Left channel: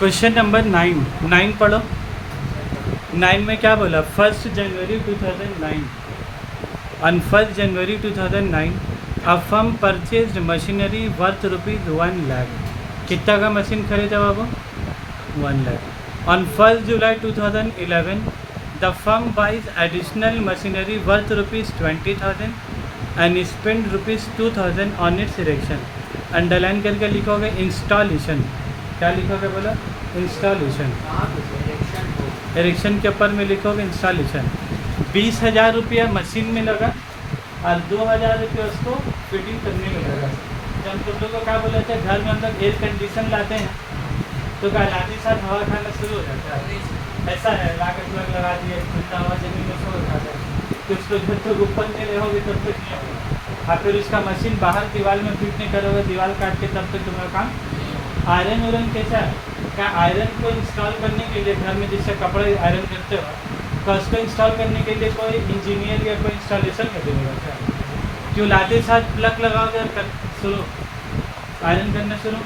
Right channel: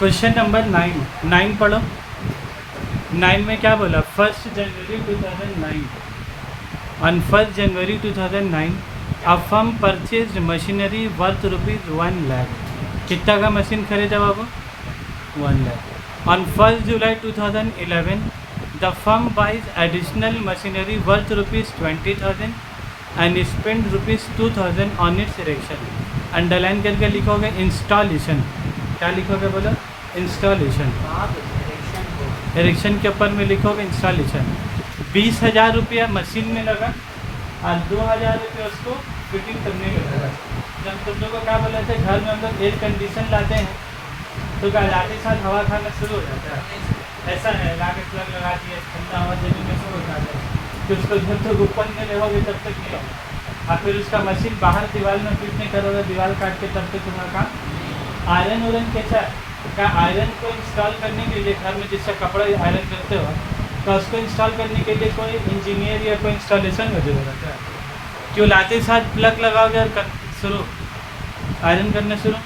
Question number 9 पढ़ो। 9 में क्या बोला? 1 January 2009, on 1 January 2009 a firm purchased machinery worth ₹1 lakh. कितना का मशीन खरीदा बाबू? 1 lakh. On 1 July 2011 the firm buys additional machinery worth ₹20,000 and spend ₹2,000 on its erection. Underline करके लिखोगे इंस्टॉलेशन। क्या लिखोगे बोलो? इंस्टॉलेशन। इरेक्शन के ऊपर में लिखोगे इंस्टॉलेशन। 20,000 रुपया मशीन में लगा और 2,000 रुपये उसको फिटिंग करने में लगा। जब तुम लोग को क्या बोले थे, घर में हम लोग एयर कंडीशन लाते हैं तो क्या लाते साथ हवा खाना शुरू हो जाता है। ऐसा है, ला के प्लग लगा दिए, ठंडा हवा जमीन में शुरू हो जाता है। कुछ तो जब तक ऊपर नहीं रहोगे तब तक नहीं होगा। और फिर उसका मशीन बाहर दीवार में फिट नहीं करोगे, दीवार काट के, तब तक तुम्हारा काम। आयरन उरन कैसा है? क्या आयरन को इंस्टॉल करने के लिए घर में जिससे कपड़े आयरन करते हो तो उसको इंस्टॉल करने के लिए कोई इंजीनियर या कोई इंस्टॉलेशन का जरूरत है? क्यों लाते साथ प्लग लगाओगे और शुरू आयरन करना शुरू?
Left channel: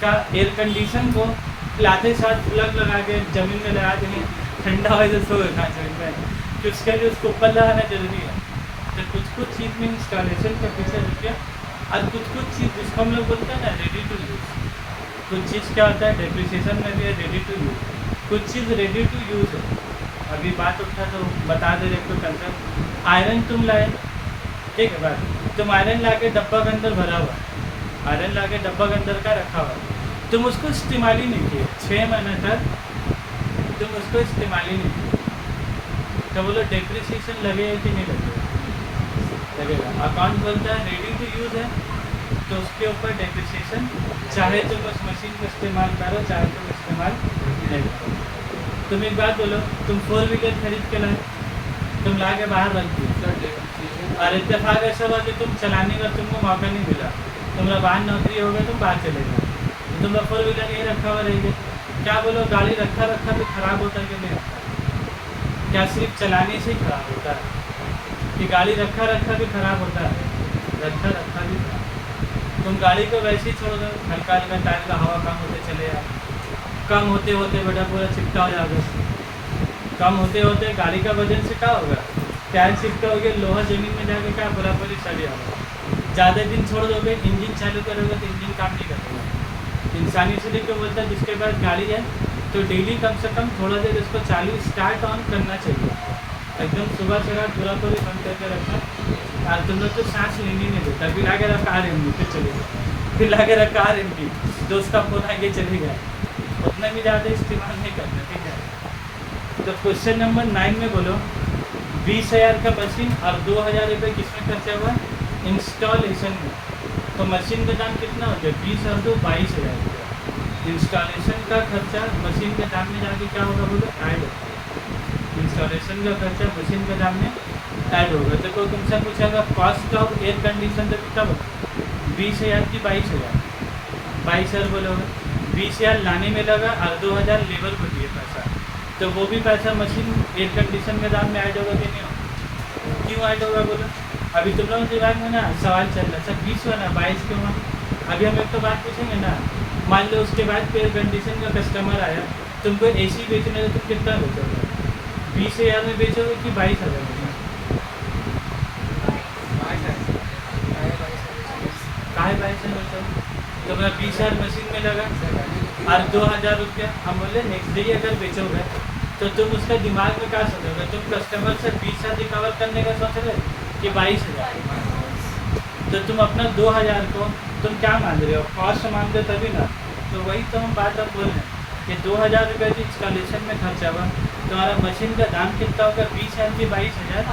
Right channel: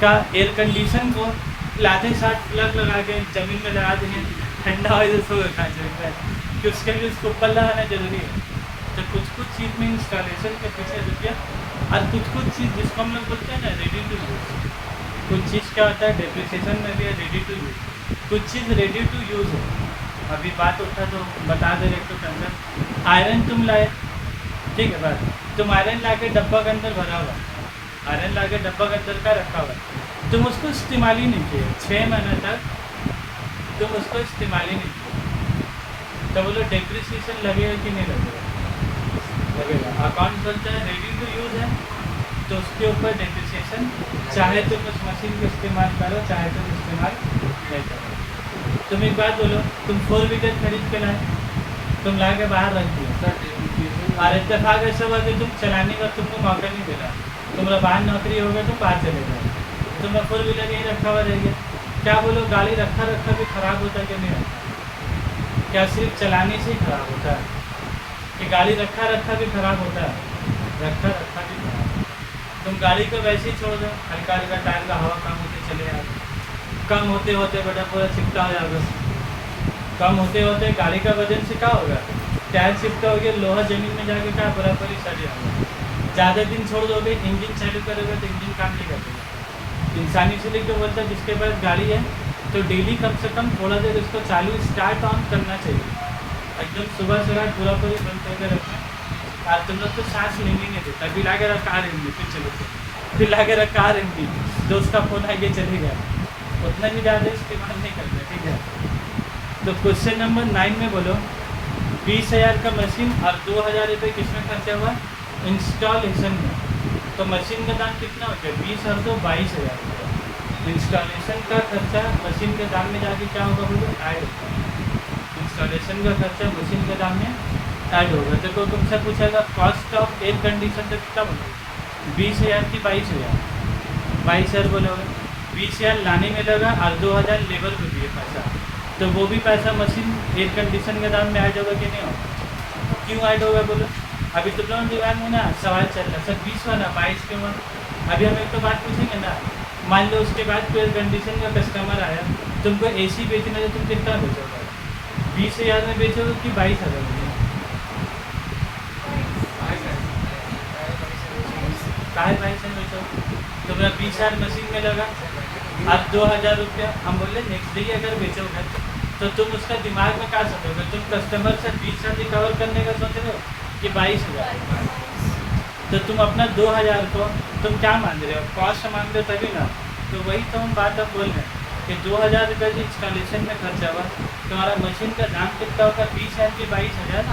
क्या एयर कंडीशन को लाते साथ प्लग लगा के ज़मीन में लगा देंगे, ठंडा हो तो कहाँ चलता है कि उसके लिए उसको ऊपर लगाना जरूरी है। तो कुछ चीज़ में इंस्टॉलेशन का पीछे रुपया, और कुछ चीज़ जिसको हम लोग बोलते हैं ना रेडी टू यूज़। कुछ चीज़ क्या होता है डेप्रिसिएशन में भी है रेडी टू यूज़, कुछ चीज़ रेडी टू यूज़ है। अभी बात उठा तो बता दे रहे तो कंसर्न। आयरन तुम लाए, ठीक है बात, तुम आयरन ला के डब्बा के अंदर भरा हुआ, आयरन ला के डब्बा के अंदर का रखा हुआ, तुम उसको इस्तेमाल ही नहीं किए 6 महीने तक, तुम उसको इस्तेमाल ही नहीं किए, तो बोलो डेप्रिसिएशन लगेगा कि नहीं लगेगा? लगेगा। अकाउंट बोलता है रेडी टू यूज़ है तो उसके ऊपर डेप्रिसिएशन, चाहे तुम उस मशीन को इस्तेमाल करो चाहे तुम इस्तेमाल नहीं करो। तुम एक बात बोलो, तुम 4 व्हीलर खरीद के लाए, तुम ला के बाहर रख दिए और इत्तेफाक ऐसा हुआ कि तुम चलाने का तुमको मौका नहीं मिला, तुम्हारा बाहर नौकरी हो गया, तुम बाहर चले गए, तुम्हारा 4 व्हीलर यही रखा हुआ रहेगा। क्या बोलो गाड़ी रखा भी ख़राब होता है कि नहीं होता? क्या सिर्फ चलाने से ही ख़राब होता है कि गाड़ी रखा भी ख़राब होता है? रखा भी खराब। तुम गाड़ी को वैसे ही छोड़ दो, हल्का हल्का टायर का हवा कम होते चले जाए, कम होते होते बेटा पूरा चिपटा हो जाएगा, कम होते होते गाड़ी का वजन से क्या होगा, टायर चिपटा हो गया, लोहा ज़मीन में जाके क्या पूरा पूरी सड़ जाएगा। ज़्यादा दिन छोड़ दोगे, इंजन चालू करोगे तो इंजन काम नहीं करेगा। इंसानी इसलिए क्यों बोलता है जिसके पास गाड़ी है तो डेली कम से कम थोड़ा देर उसको चालू स्टार्ट ऑन करना चाहिए, एकदम सुबह से रात पूरा पूरी बंद करके रखना। और तुम लोग तो सांस लेने नहीं देता, फिर ला के रखा RMD, फिर चले गए, फिर ला के रखा RMD, दोस्त का फोन आगे चले गए, उतना भी ज़्यादा इस्तेमाल नहीं करना, ठीक है। तो क्वेश्चन नंबर 9 में बोलो 20,000 का मशीन और 2,000 रुपये किसमें खर्चा हुआ? इंस्टॉलेशन में। तो मशीन का दाम कितना हो गया? 20 और 2 22,000 रुपये। इंस्टॉलेशन का खर्चा मशीन के दाम में जाके क्या होगा बोलो? ऐड होगा। इंस्टॉलेशन का खर्चा मशीन के दाम में ऐड होगा। तो कोई तुमसे पूछेगा कॉस्ट ऑफ एयर कंडीशन तो कितना बोलो? 20,000 की 22,000, 22,000 बोलोगे। 20,000 लाने में लगा और 2,000 लेबर को दिए पैसा, तो वो भी पैसा मशीन एयर कंडीशन के दाम में ऐड होगा कि नहीं होगा? क्यों ऐड होगा बोलो? अभी तुम लोगों के दिमाग में ना सवाल चल रहा है सर 20 हुआ ना 22 क्यों हुआ? अभी हम एक तो बात पूछेंगे ना, मान लो उसके बाद एयर कंडीशन का कस्टमर आया, तुमको AC बेचना है तो तुम कितना बेचोगे? 20,000 में बेचोगे कि 22,000 में? काहे 22 में बेचोगे? तो मेरा 20,000 मशीन में लगा और 2,000 रुपया हम बोले नेक्स्ट डे अगर बेचोगे तो तुम उसका दिमाग में क्या सोचोगे? तुम कस्टमर से 20,000 रिकवर करने का सोच रहे हो कि 22,000? तो तुम अपना 2,000 को तुम क्या मान रहे हो? कॉस्ट मान रहे हो तभी ना। तो वही तो हम बात अब बोल रहे हैं कि 2,000 रुपये की इंस्टॉलेशन में खर्चा हुआ, तुम्हारा मशीन का दाम कितना होगा? 20,000 की 22,000,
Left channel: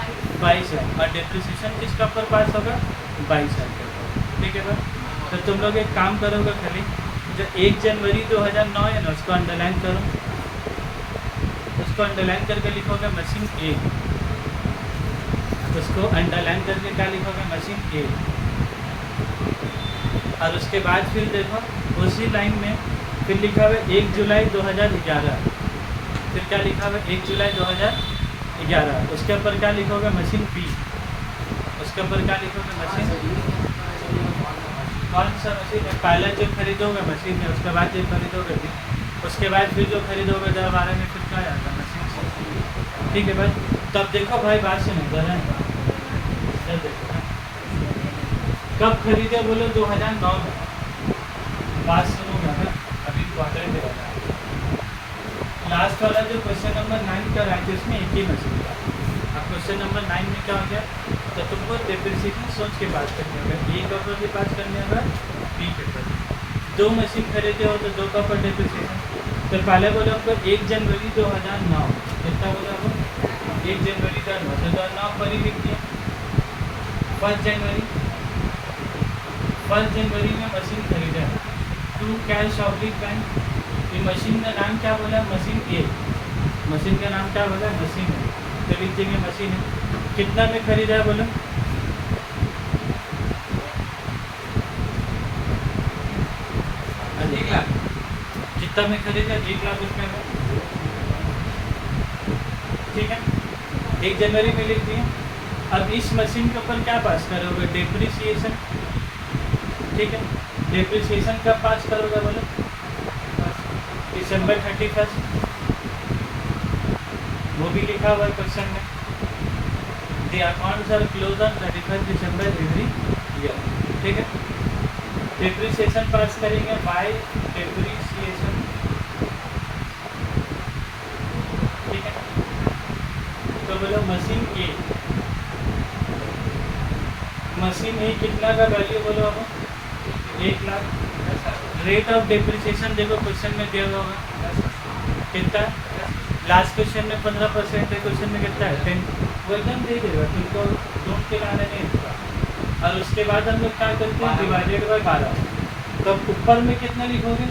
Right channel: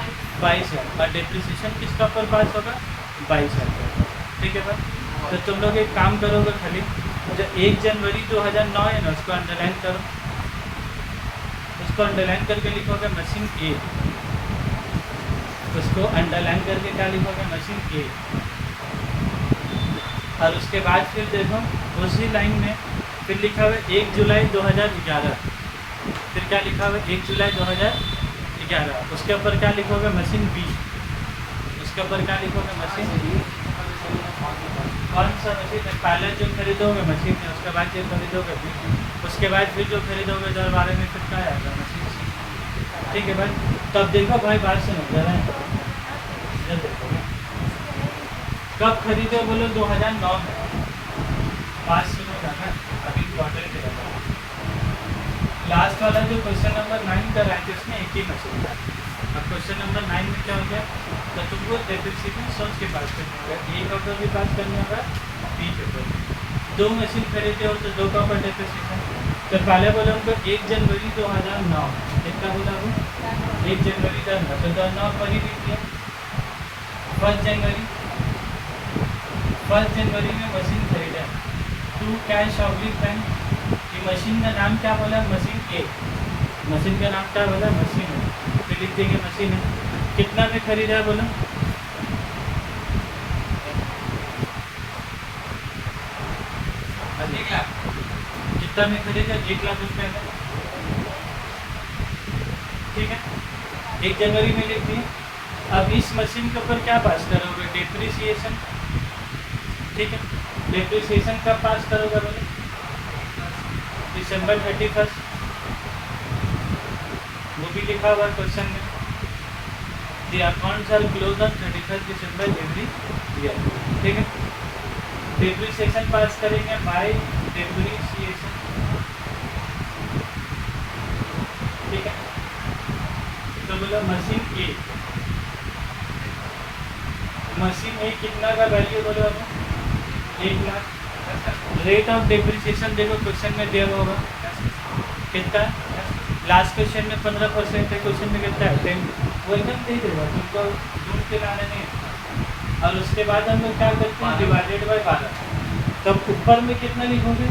22,000 और डेप्रिसिएशन किसका ऊपर पास होगा? 22,000 के ऊपर, ठीक है भाई। तो तुम लोग एक काम करोगे खाली, जो 1 जनवरी 2009 है ना उसको अंडरलाइन करो, उसको अंडरलाइन करके लिखोगे मशीन A, उसको अंडरलाइन करके क्या लिखोगे? Machine A। और उसके बाद फिर देखो उसी लाइन में फिर लिखा हुआ 1 जुलाई 2011, फिर क्या लिखा हुआ? 1 जुलाई 2011, उसके ऊपर क्या लिखोगे? मशीन B, उसके ऊपर क्या लिखोगे? मशीन कौन सा मशीन है? पहले जो खरीदोगे मशीन है, उसके बाद जो खरीदोगे भी, उसके बाद फिर जो खरीदोगे 2012 में फिर क्या आएगा मशीन से। ठीक है भाई, तो अब देखो भाई बात से नहीं जा रहे हैं, इधर देखो ना। कब खरीदे बोलो? 2009 में। बात सुनो ना है, अभी क्वार्टर दे रहा था। लास्ट वाला जो क्वेश्चन नंबर 9 का रहा है उसमें एक ही मशीन था। अब क्वेश्चन नंबर 9 में क्या हो गया? तो तुमको डेप्रिसिएशन सोच के पास करना होगा, एक ऑफर भी पास करना होगा, बी के ऊपर। 2 मशीन खरीदे हो तो 2 का ऑफर डेप्रिसिएशन। तो पहले बोला हमको 1 जनवरी 2009, कितना बोला वो? 1 जनवरी 2009, तो 2009 पर ही लिख दिया। 1 जनवरी में मशीन खरीदा, टू कैश ऑब्लिक बैंक। ये मशीन का नाम क्या बोला? मशीन ए। मशीन का नाम क्या बोला? मशीन है, तो लिख देंगे मशीन है। कितना में खरीदा है बोलो? एक लाख। कितना में खरीदा? 1 लाख रुपए में। ठीक है, 1 जनवरी में लिख दिए। अब इस मशीन के ऊपर क्या पास करोगे? डेप्रिसिएशन। ठीक है, डेप्रिसिएशन कब पास करोगे बोलो? December 31, वो भी लिखा हुआ है क्वेश्चन में। The accounts are closed on 31 December every year। ठीक है, डेप्रिसिएशन पास करेंगे बाय डेप्रिसिएशन। ठीक है, तो बोलो मशीन ए। मशीन ए कितना का वैल्यू बोलो अब? 1 लाख। रेट ऑफ डेप्रिसिएशन देखो क्वेश्चन में दिया हुआ होगा, कितना? लास्ट क्वेश्चन में 15% है, क्वेश्चन में कितना है? 10। वो एकदम दे देगा तुमको, ढूंढ के लाने नहीं होता। और उसके बाद हम लोग क्या करते हैं? Divided by 12। तो ऊपर में कितना लिखोगे?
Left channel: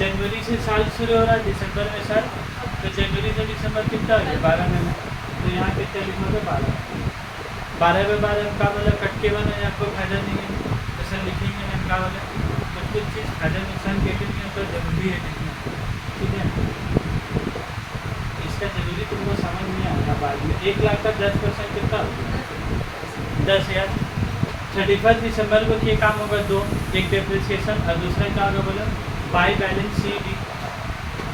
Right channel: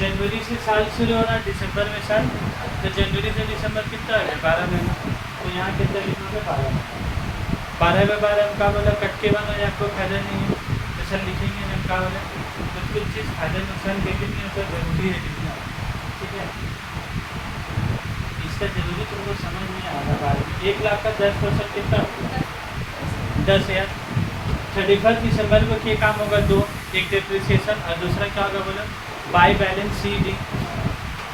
जनवरी से साल शुरू हो रहा है, दिसंबर में साल, तो जनवरी से दिसंबर कितना हो गया? 12 महीना। तो यहाँ कितना लिखोगे? 12। 12 में 12 हम क्या बोला? कट के बना, आपको फायदा नहीं है, ऐसा लिखेंगे ना। हम क्या बोले? कुछ चीज़ फायदा नुकसान के लिए नहीं होता, जरूरी है लिखना। ठीक है, इसका जरूरी तुमको समझ में आएगा बाद में। 1 लाख का 10% कितना होगा? 10,000। 31 दिसंबर को क्या काम होगा? 2, एक डेप्रिसिएशन और दूसरा क्या होगा बोलो? By balance C D.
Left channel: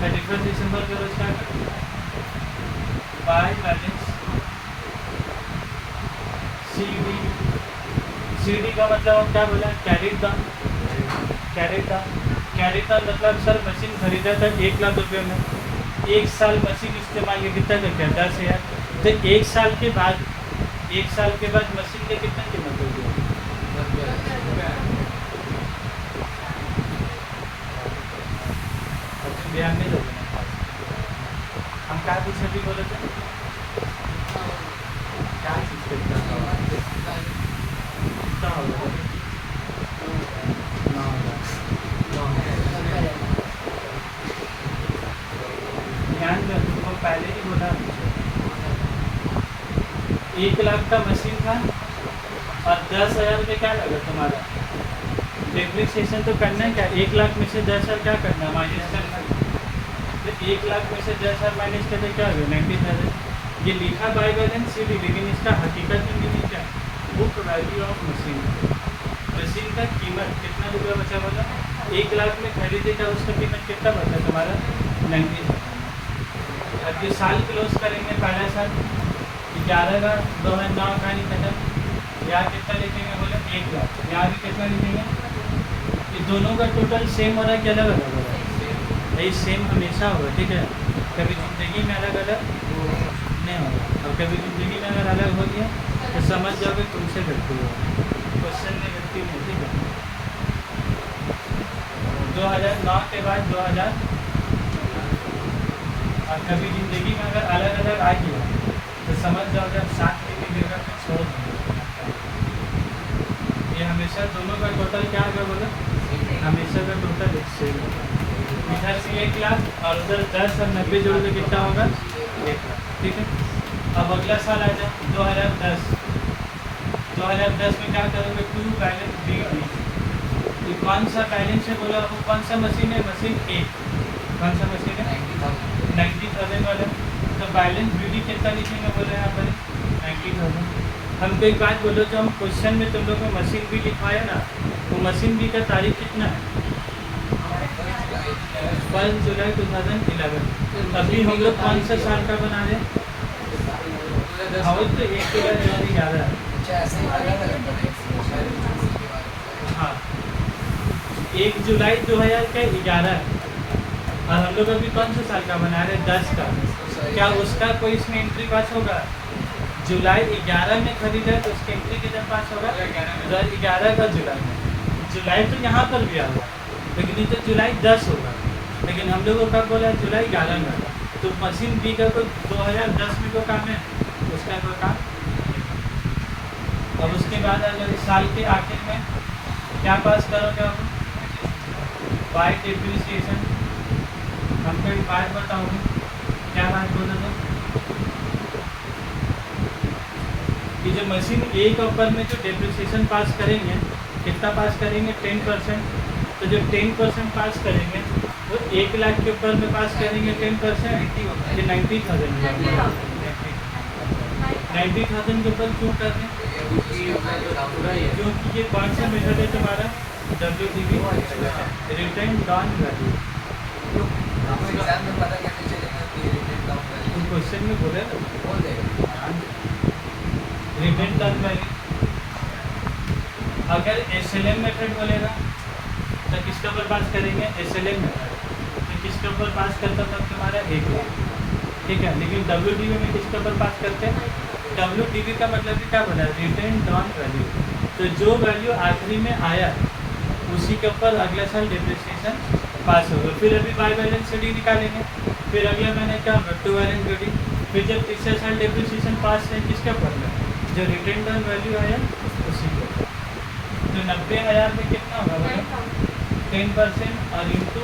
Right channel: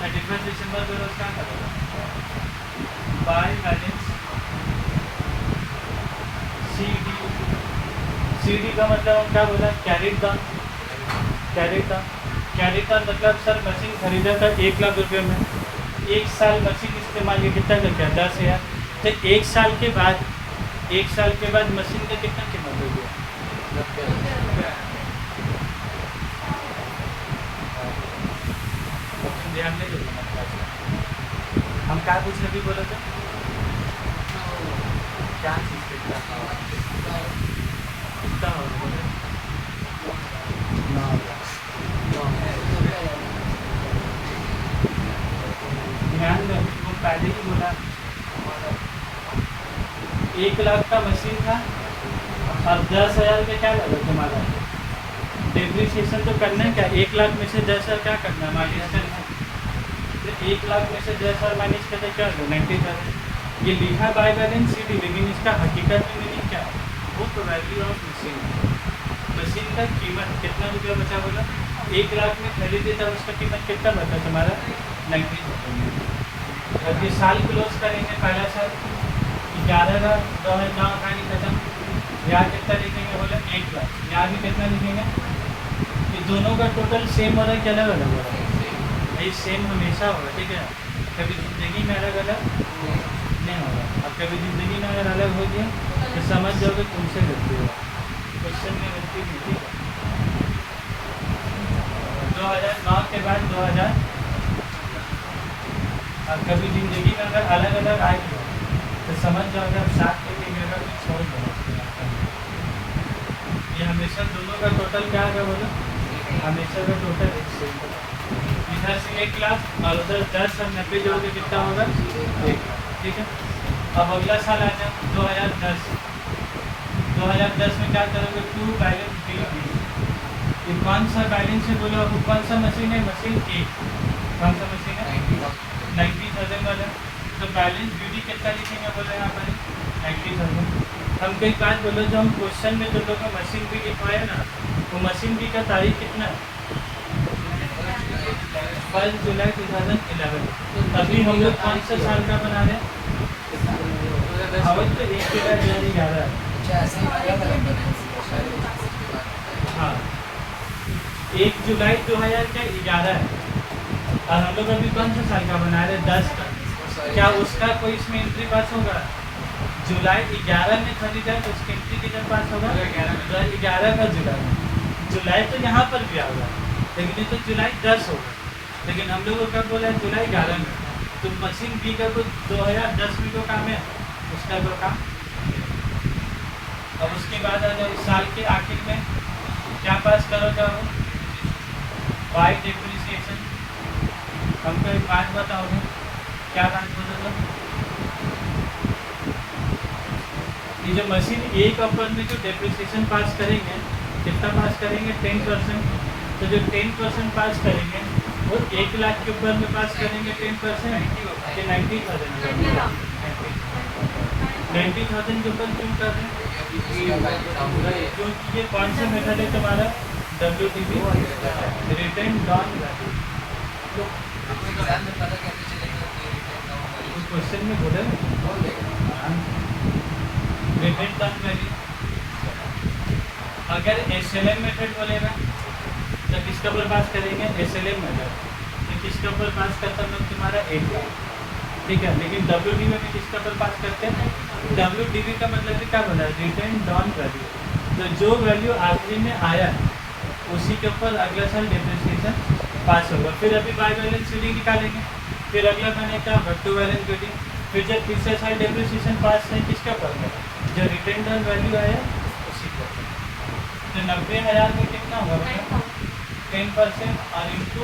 31 दिसंबर को रोज क्या करेगा? By balance C D. C D का मतलब हम क्या बोला? Carried down. कैरिड डाउन मतलब सर मशीन खरीदा था 1 लाख रुपये में, 1 साल मशीन इस्तेमाल किया, कितना का क्या? 10,000। तो 1 साल के बाद, 1 साल के बाद मशीन की कितना कीमत हो गया? तुम ध्यान नहीं दोगे ना। हम क्या पूछने भी बोले थे? क्या चीज़ कितना होगा? ध्यान में वो पहले ही बोला, 1 लाख का मशीन था और 10,000 का क्या लगा तुम्हारा? डेप्रिसिएशन तो करना है क्या? 1 लाख में से 10,000 क्या करना है? माइनस करना है। तो 1 लाख में से 10,000 माइनस करते क्या होगा? 90,000। ये लिखा बाय बैलेंस सी डी, लेकिन इसका हकीकत में मीनिंग क्या? Book value of machine. Machine का कीमत कितना रुपया बचा बोला? 1 लाख में खरीदे था, उसका कीमत कितना बचा तुम्हारा? 90,000। अब ये साल क्लोज करेंगे, पहला साल 11/2009 कहानी खत्म। यहाँ कितना लिखेंगे बोले? 1 लाख। यहाँ भी कितना लिखेंगे? ये दोनों का टोटल सेम हो रहा है कि अलग अलग हो रहा है? यही सेम हमेशा होगा। ठीक है, कभी ज़िंदगी में अलग अलग नहीं होगा, और कभी ज़िंदगी में अगर अलग हो गया तो समझ जाओगे तुमसे गलती हुआ, क्वेश्चन में गलती नहीं। ठीक है, 2009 के बाद 2000, और कभी ज़िंदगी में अगर अलग अलग आ गया तो समझ जाओगे अब 7 के जगह कुछ छोड़ देना। ये हमेशा दोनों का टोटल क्या होगा बोलो? हमेशा का टोटल एक सेम होगा। इधर से 1 लाख और उधर 10 और 90 जोड़ोगे कितना होगा? 1 लाख। ठीक है, अब अगला साल आ जाए 2010। 2010 में क्या करोगे? 2 बैलेंस बी डी। ये कौन सा बैलेंस है बोला? कौन सा मशीन है? मशीन ए। कौन सा मशीन है? 90,000 वाला। तो बैलेंस बी डी कितना लिखेंगे बोला यहाँ पर? 90,000। हमको एक बात बोलो, जो हम क्वेश्चन में तुम लोग को मशीन भी लिखवाया ना, वो मशीन भी का तारीख कितना है? 1 जुलाई 2011। अभी हम लोग कौन सा साल का बना रहे हैं? हाँ वो तो 1 जुलाई 2011 है। हाँ 1 जुलाई 2011 है। और हम लोग अभी कौन से साल का बना रहे हैं? 10 का। क्या उसका कोई इसमें एंट्री पास होगा? जुलाई 11 में खरीदा है तो उसकी एंट्री कितना पास होगा? 11 का जुलाई में। जुलाई तो यहाँ पर भी आएगा, लेकिन ये तो जुलाई 10 होगा। लेकिन हम लोगों का बोला जुलाई 11 में होगा। तो मशीन बी का तो 2010 में जो काम है उसका जो काम। अब उसके बाद अगर साल के आखिर में क्या पास करोगे आप? Bye depreciation. हमको एक बात बताओगे, क्या बात बोलोगे? ये जो मशीन ए के ऊपर में जो डेप्रिसिएशन पास करेंगे, कितना पास करेंगे? 10%। तो जो 10% पास करेंगे वो 1 लाख के ऊपर में पास करेंगे 10% कि 90,000? 90,000 के ऊपर क्यों कर रहे हैं? क्योंकि ये कौन सा मेथड है तुम्हारा? WDV, return down value. तो क्वेश्चन में बोले रिटर्न डाउन वैल्यू। अगर SLM मेथड बोलेगा तो किसके ऊपर पास करेंगे? SLM method. तो किसके ऊपर पास करता है तुम्हारा? 1 लाख, ठीक है। लेकिन WDV में किसके ऊपर पास करते हैं? WDV का मतलब क्या बोला है? Return down value. तो जो वैल्यू आखिरी में आया उसी के ऊपर अगला साल डेप्रिसिएशन पास होगा। फिर अभी बाय बैलेंस शीट निकालेंगे, फिर अगला बनेगा टू बैलेंस शीट। फिर जब पिछले साल डेप्रिसिएशन पास है किसके ऊपर है? जो रिटर्न डाउन वैल्यू आया उसी के ऊपर। तो 90,000 में कितना होगा? 10% और इंटू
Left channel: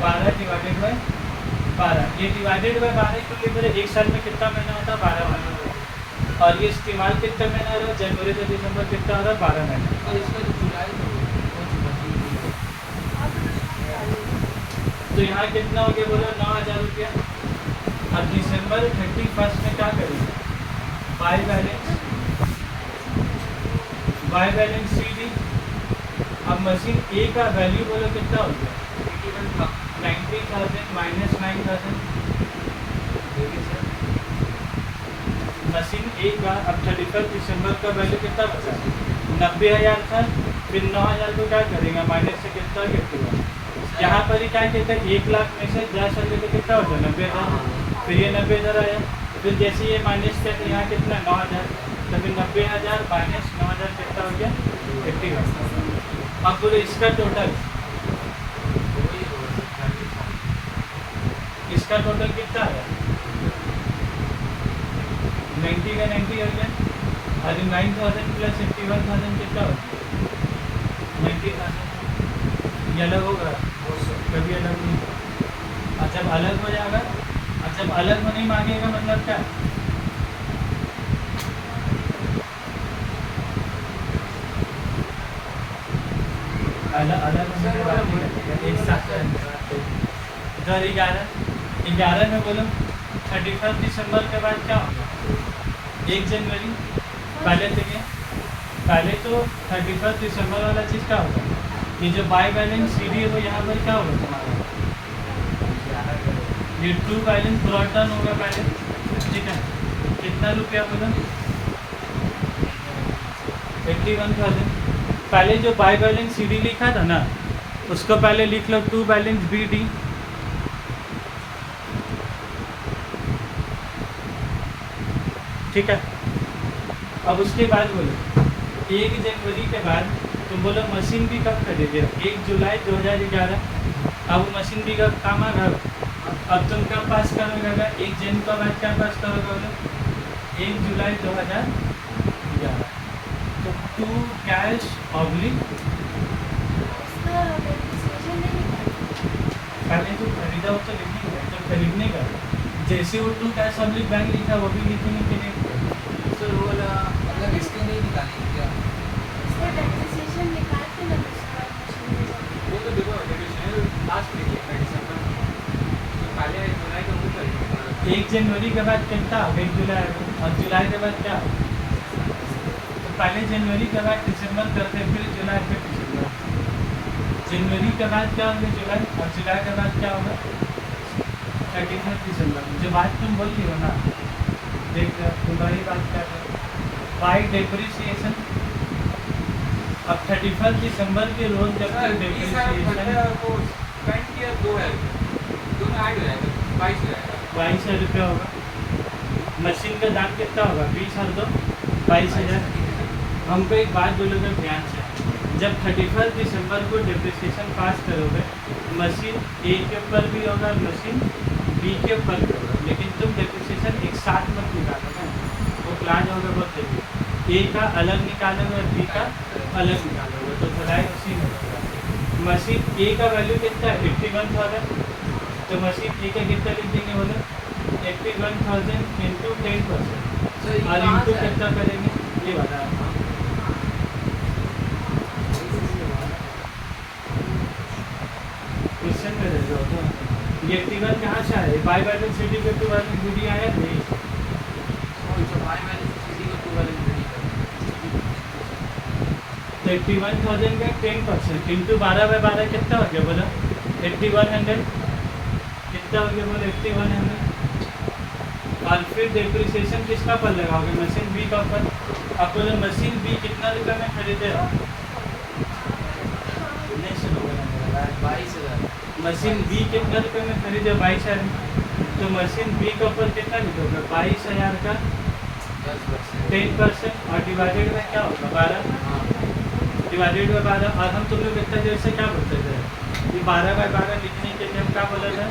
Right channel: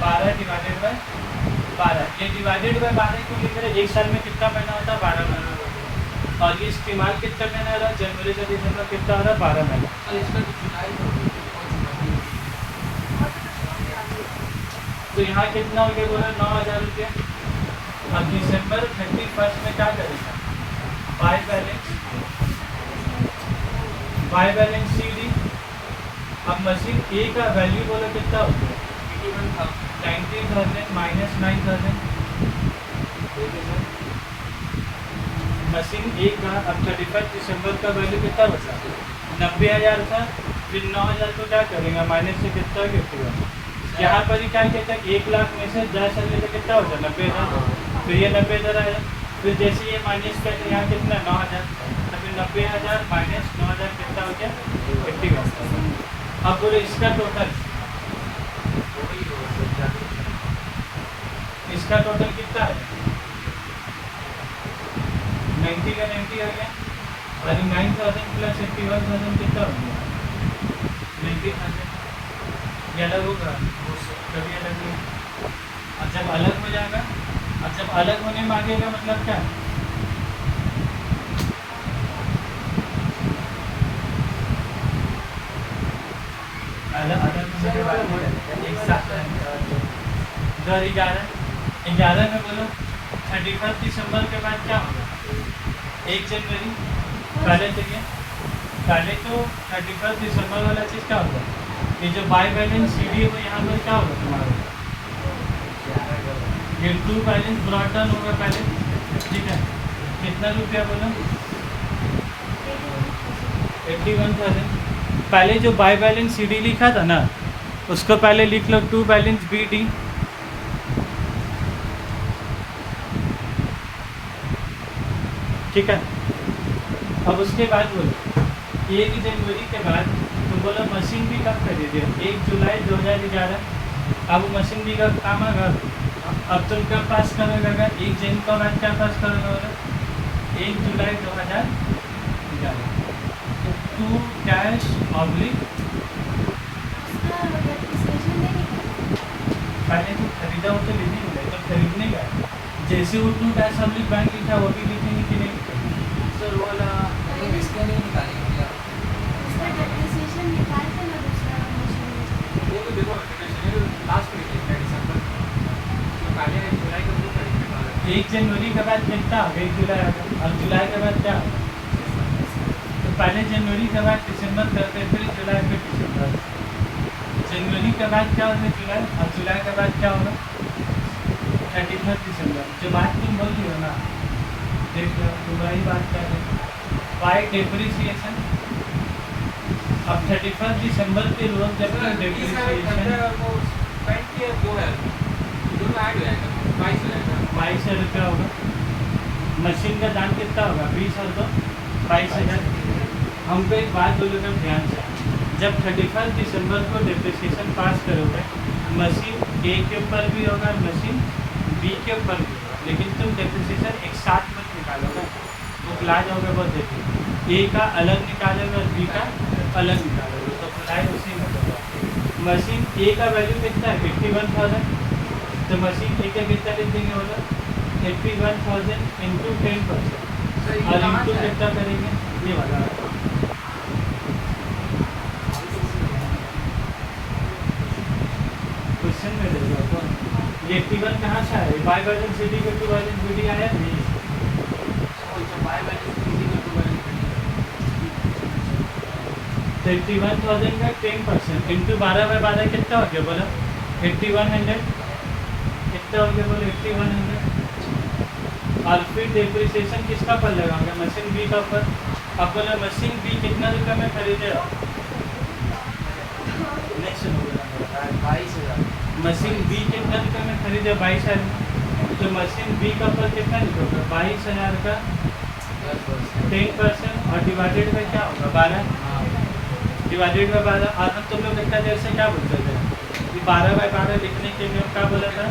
12 डिवाइडेड बाय 12। ये डिवाइडेड बाय 12 क्यों लिख रहे? एक साल में कितना महीना होता है? 12 महीना होगा। और ये इस्तेमाल कितना महीना रहा? जनवरी से दिसंबर कितना हो रहा है? 12 महीना। तो यहाँ कितना हो गया बोला? 9,000 रुपया। और दिसंबर 31 में क्या करेंगे? By balance CD। अब मशीन ए का वैल्यू बोलो कितना हो गया? 90,000 माइनस 9,000। मशीन ए का अब 31 दिसंबर का वैल्यू कितना बचा? 90,000 था। फिर 9,000 को क्या करेंगे? माइनस से कितना? 51। यहाँ पर ही क्या कहता है? 1 लाख में से 10,000 तो कितना हो जाए? 90,000। फिर ये 90,000 आया। फिर जैसे ये माइनस करें यहाँ कितना? 9,000। तो फिर 90,000 माइनस 9,000 कितना हो जाए? 51। अब बोले इसका टोटल कितना है? 90 का 90 आ गया। और 9,000 प्लस 51,000 कितना हो गया? 90,000। ये अलग होगा, कभी अलग नहीं। और जब अलग हो जाएगा, और जब अलग होने मांगेगा मतलब क्या? अलग होने के बाद एक साथ 11 में बोलो 31 दिसंबर के बाद क्या होगा? 1 जनवरी। पहले तो 31 दिसंबर वाला चीज़ क्या होगा? ये जो बाय बैलेंस CD है वो यहाँ पर क्या होगा तुम्हारा? ये टू बैलेंस ब्रॉड डाउन होगा पहले, ठीक है। कितना रुपया बोला? 81,000। पहले जो बाय बैलेंस CD लिखा था ना, उसको पहले लिख लो टू बैलेंस BD। ठीक है। अब उसके बाद बोलो 1 जनवरी के बाद तुम बोलो मशीन भी कब खरीदे? 1 जुलाई 2011। अब मशीन भी कब काम है? अब तुम कब पास करने लगा? 1 जन का बाद क्या पास करोगे बोलो? 1 जुलाई 2011। तो टू कैश ऑब्लिक पहले तो खरीदा हो तो लिखने का, तो खरीदने का जैसे वो टू कैश ऑब्लिक बैंक लिखा वो भी लिखेंगे कि नहीं? सर वाला मतलब इसका नहीं निकालेंगे क्या? डेप्रिसिएशन निकाल के ना दूसरा मशीन में वो तो देखो डेप्रिसिएशन लास्ट में लिखा दिसंबर जो काले है जुलाई का वो करेंगे। 1 जनवरी के बाद कितना? 1 जुलाई। और जुलाई के बाद क्या? पहले जनवरी के बाद दिसंबर करते हैं, फिर जुलाई, फिर दिसंबर। जनवरी के बाद क्या होगा जुलाई, और जुलाई के बाद क्या होगा 31 दिसंबर। जो बात तुम बोल रही हो ना, देख रहे हो तुम्हारी बात कर रहे हो। बाय डेप्रिसिएशन, अब 31 दिसंबर के रोज जब तक डेप्रिसिएशन वो पेंट किया 2000 दोनों ऐड हो जाएगा, 22 हो जाएगा। 22,000 रुपया होगा। मशीन का दाम कितना होगा 20 और 2 22,000। हमको एक बात बोलोगे ध्यान से, जब 31 दिसंबर को डेप्रिसिएशन पास करोगे, मशीन ए के ऊपर भी होगा, मशीन बी के ऊपर भी होगा, लेकिन तुम डेप्रिसिएशन एक साथ मत निकालोगे, वो ला जाओगे बहुत जल्दी। ए का अलग निकालोगे और बी का अलग निकालोगे, तो फ्लाई उसी में होगा। मशीन ए का वैल्यू कितना है 51,000, तो मशीन ए का कितना लिख देंगे बोलो 81,000 इंटू 10%, और इंटू कितना करेंगे ये वाला। क्वेश्चन में रह जाओ तो ये 81 कहाँ से आया, बाय बैलेंस सी डी के टू बैलेंस बी डी आया नहीं। तो 81,000 का 10% इंटू 12/12 कितना हो गया बोलो 8100, कितना हो गया बोलो 8100। और फिर डेप्रिसिएशन किसका पर लगाओगे, मशीन बी का ऊपर। अब बोलो मशीन बी कितना रुपये में खरीदे हो, इलेक्शन हो गया मेरा 22,000। मशीन बी कितना रुपये में खरीदे 22,000 में, तो मशीन बी का ऊपर कितना लिखोगे 22,000 का 10% और डिवाइडेड में क्या होगा 12, डिवाइडेड बाय 12। और हम तुम लोग इतना देर से क्या बोलते थे कि 12/12 लिखने के लिए हम क्या बोला था,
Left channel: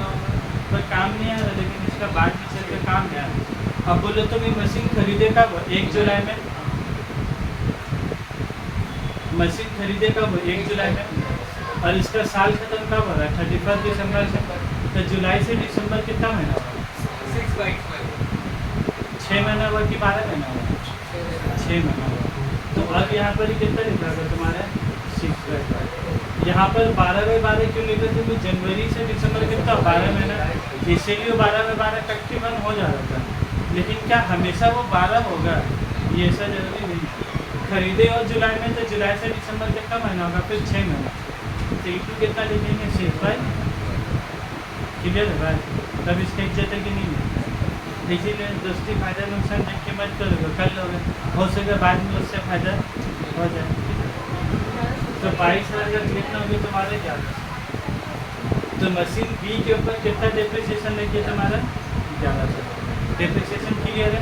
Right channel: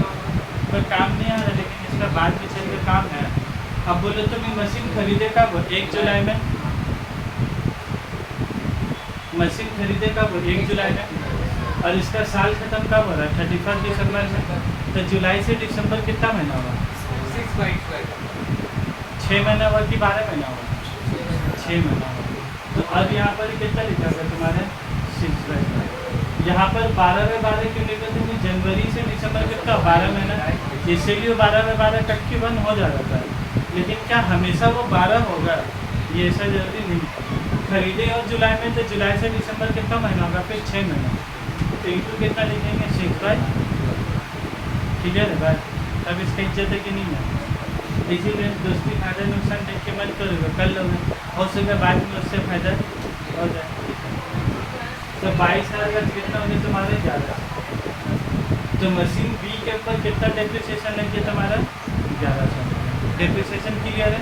कोई काम नहीं आ रहा, लेकिन इसका बाद में चल के काम है। अब बोलो तुम ये मशीन खरीदे कब 1 जुलाई में, मशीन खरीदे कब 1 जुलाई में, और इसका साल खत्म कब हो रहा है 31 दिसंबर से, तो जुलाई से दिसंबर कितना महीना हुआ 6 महीना हुआ कि 12 महीना हुआ 6 महीना हुआ। तो अब यहाँ पर कितना लिखा था तुम्हारे 6/12, यहाँ पर 12/12 क्यों लिखे थे, क्योंकि जनवरी से दिसंबर कितना 12 महीना, इसीलिए 12/12 तकरीबन हो जा रहा था। लेकिन क्या हमेशा वो 12 होगा ये ऐसा जरूरी नहीं। खरीदे और जुलाई में, तो जुलाई से दिसंबर कितना महीना होगा फिर 6 महीना, तो इंटू कितना लिखेंगे 6/12। क्लियर है बात, तब इसकी इज्जत है कि नहीं है। इसीलिए दोस्ती फायदा नुकसान देख के मत करोगे, कर लोगे, हो सके बाद में उससे फायदा हो जाए। तो 22,000 कितना होगी तुम्हारे ज़्यादा, तो मशीन बी के ऊपर कितना डेप्रिसिएशन लेके तुम्हारा 1100 डेप्रिसिएशन क्लियर है।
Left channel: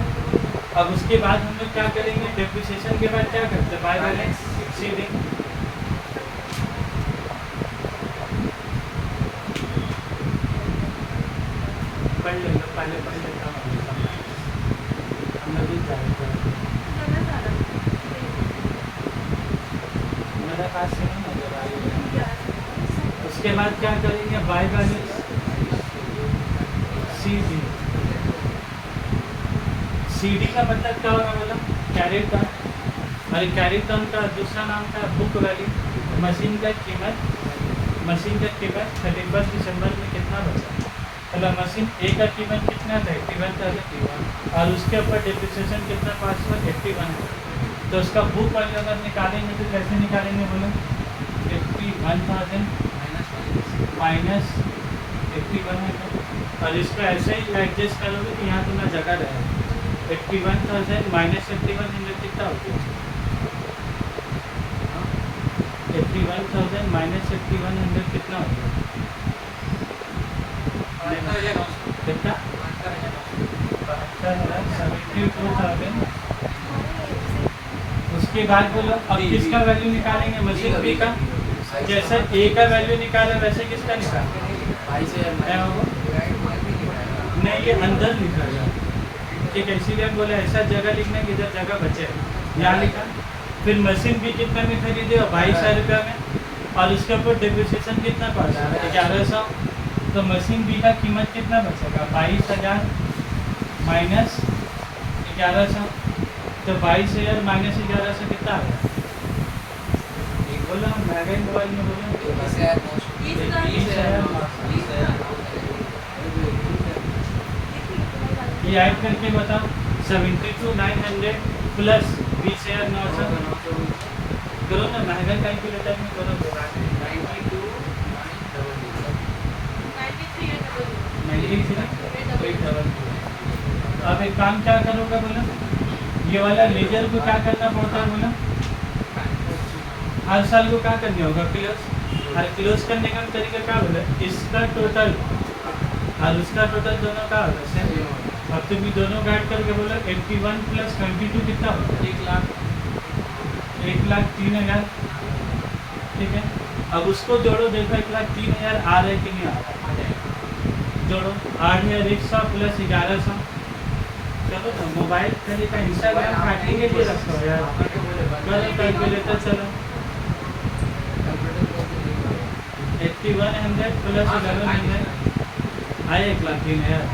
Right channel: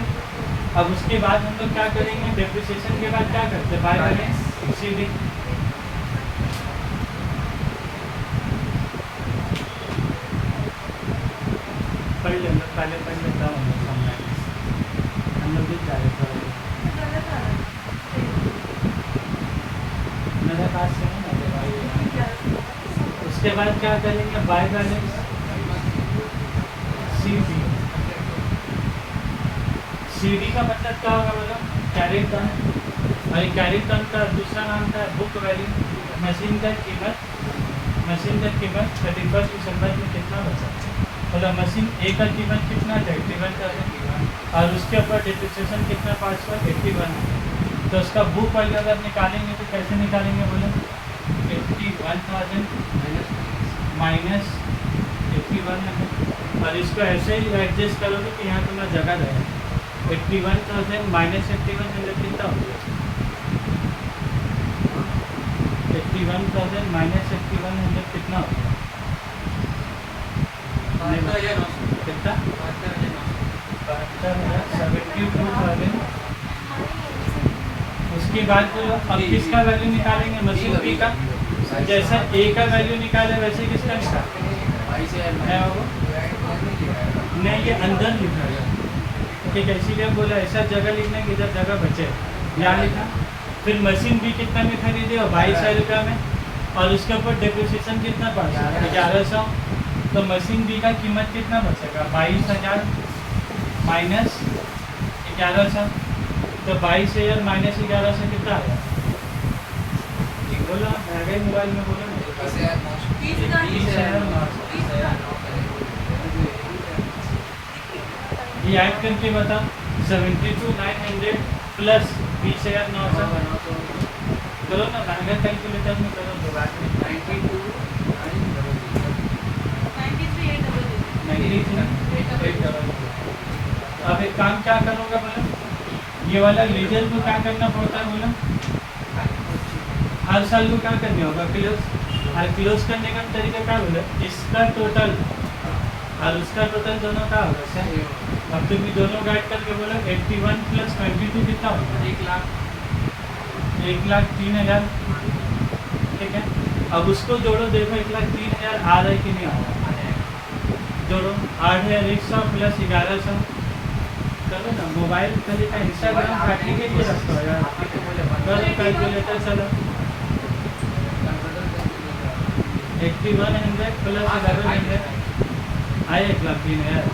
अब उसके बाद हम लोग क्या करेंगे, डेप्रिसिएशन के बाद क्या करते हैं बाय बैलेंस सी डी। पढ़ लेंगे, पहले पढ़ लेता हूँ हम लोग भी जाएगा गलत आ रहा है। मेरा पास से नहीं है भाई। उसके बाद क्या करेंगे by balance C D. C D का मतलब क्या होगा बोलो कैरी टर्न, और कैरी टर्न का दूसरा नाम था बुक वैल्यू। मशीन का कीमत 31 दिसंबर में कितना बचा, मतलब मशीन ए का कीमत कितना था 81,000, और उसके ऊपर डेप्रिसिएशन कितना पास हुआ 81। तो उसका बुक वैल्यू अगर निकालेंगे तो कैसे निकालेंगे बोलो 81,000 माइनस 8100, और इसको ऐसे ही एडजस्ट करोगे कि यहाँ तुम्हारा जगह रहे 81,000 माइनस 8100 कितना हो गया 81,000 माइनस 8100 कितना हो गया कितना 72,000। उसके बाद बोलो अब किसका वैल्यू निकालेंगे मशीन बी का, जैसा ए का वैल्यू निकाला वैसे किसका निकालेंगे नहीं, ये अंदर लिखा गया ठीक है, इसीलिए बोला ऐसा जगह लिखना कि इधर जगह बचे, यहाँ लिखा। फिर मशीन भी कितना में खरीदे और 22,000 रुपया में, और उसके ऊपर डिप्रिसिएशन कितना पड़ा 1100, तो मशीन बी का कीमत कितना बचेगा 22,000 माइनस 1100, तो 22,000 माइनस 1100 कितना आया बोलो, महंगा ही मोबाइल में बोलो 20,000। ये ऐड करके बताओ 72,900 प्लस 20,900 करो ना, अगर कैलकुलेटर में करो तो बात नहीं। 93। अब एक काम क्या करोगे बोलो, ये वाला लेजर को क्या करना पड़ता है बोलो, हर साल को क्या करने होगा क्लोज, हर क्लोज करने का तरीका क्या बोले, इसका टोटल और उसका टोटल दोनों का होगा सर। अब तुम ये दोनों गाइड करके बोलो 81 + 22 कितना होगा, 1,03,000। ठीक है, अब उसको जोड़ो, देखो 1,03,000 आ रहा है कि नहीं आ रहा है, जोड़ो 8,100 + 1,100 चलो ना, मोबाइल तरीका इंस्टाग्राम काटने के लिए रखो यार, करो कैलकुलेटर चलो। 8100 + 1100 आए 1,03,000,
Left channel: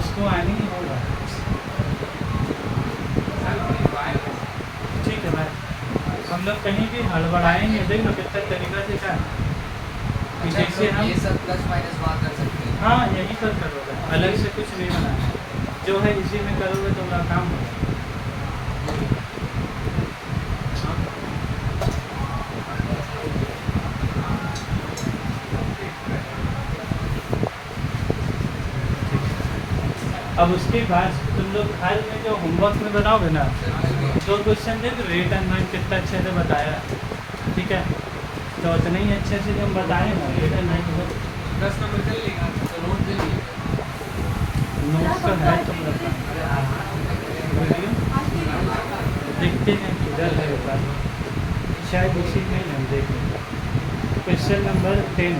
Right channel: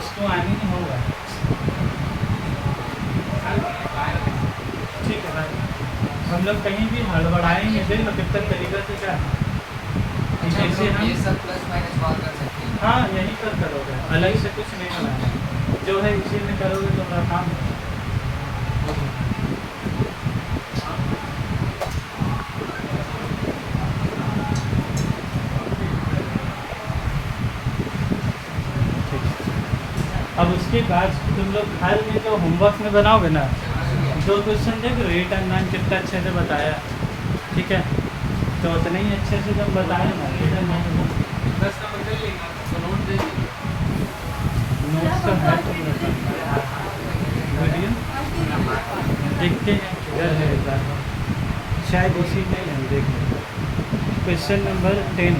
उसको आने नहीं होगा। ठीक है भाई, हम लोग कहीं भी हड़बड़ाएंगे, देख लो कितना तरीका से क्या है। जैसे हम ये सब प्लस माइनस वहाँ कर सकते हैं। हाँ यहीं पर करोगे, अलग से कुछ नहीं बनाना, जो है इसी में करोगे तो मेरा काम होगा। अब उसके बाद तुम लोग हर में जो होमवर्क में बनाओगे ना, 2 क्वेश्चन देख रेट एंड नाइन कितना अच्छे से बताया। ठीक है, तो उतना ही अच्छे से जब बताए ना रेट एंड नाइन, 10 नंबर कर लेगा तो नोट दे दीजिए। नोट्स तो है तुम रखा वीडियो देखते हैं किधर है एक बार, शायद इसी में नहीं देख लेंगे। क्वेश्चन नंबर 10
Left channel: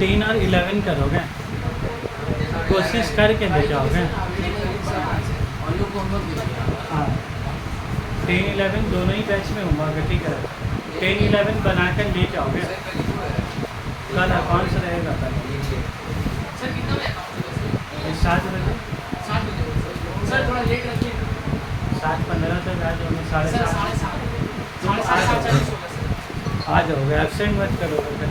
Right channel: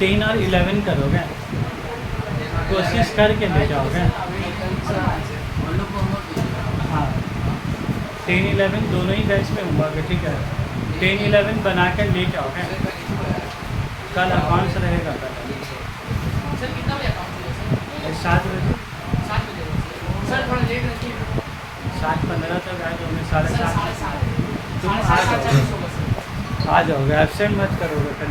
10 और 11 करोगे, कोशिश करके ले जाओगे। हाँ 10, 11 दोनों ही बैच में होगा। ठीक है, 10, 11 बना कर ले जाओगे, कल अकाउंट्स रहेगा कल सर कितना बजे अकाउंट 7 बजे, 7 बजे सर थोड़ा लेट रखिए ना 7:15 तक आ जाओगे, सर 7:30 7:30 तुम आ 7:30 जाओगे, होगा सर आ जाओगे, एब्सेंट मत करोगे कल।